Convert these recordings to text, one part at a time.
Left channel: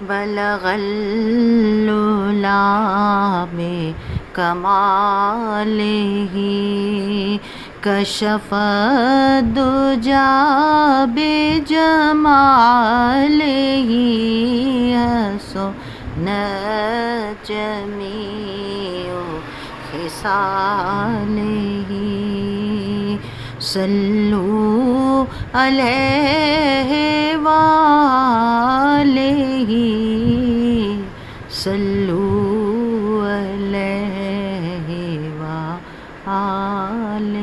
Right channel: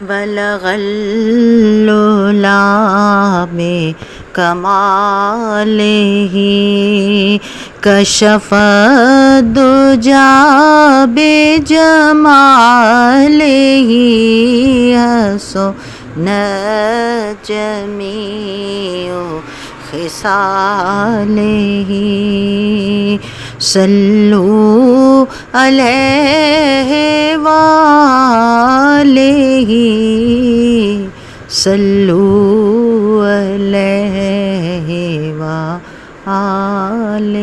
بلغ العلا بکمالہ کشف الدجا بجمالہ حسن جمیع خصالہ صلوا علیہ وآلہ صلوا علیہ وآلہ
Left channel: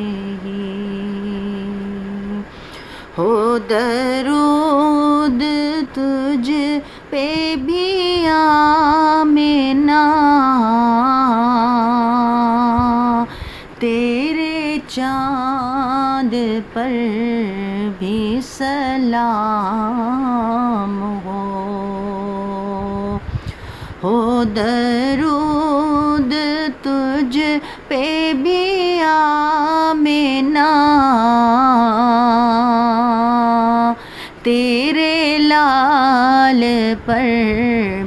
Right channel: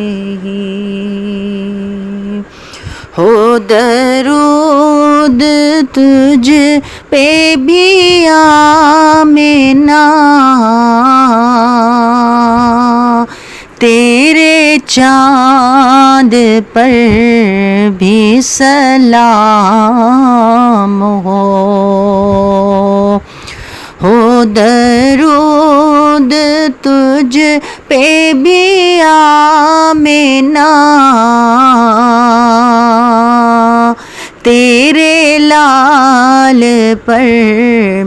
ہو درود تجھ پہ بھی آمنہ تیرے چاند پر بھی سلام ہو درود تجھ پہ بھی آمنہ تیرے لال پر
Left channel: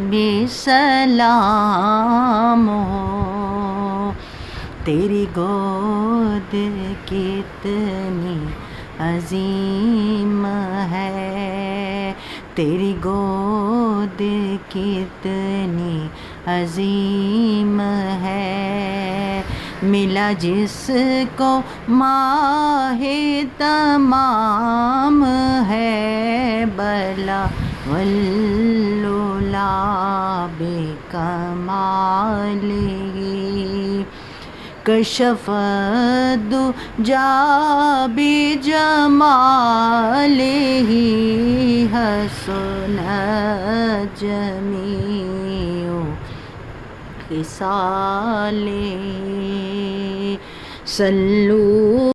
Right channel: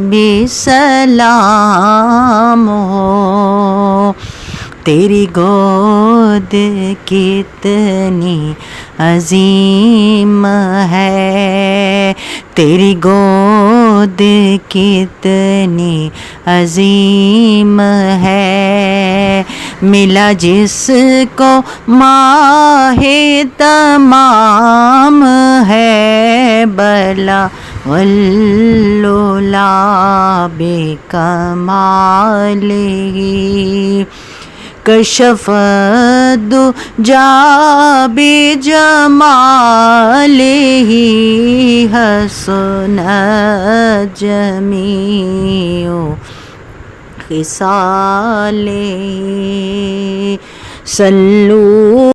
بھی سلام ہو تیری گود کتنی عظیم ہے تیری گود کتنی عظیم ہے ملا جس کو ماہ تمام ہے بلغ العلا بکمالہ کشف الدجا بجمالہ حسن جمیع خصالہ صلوا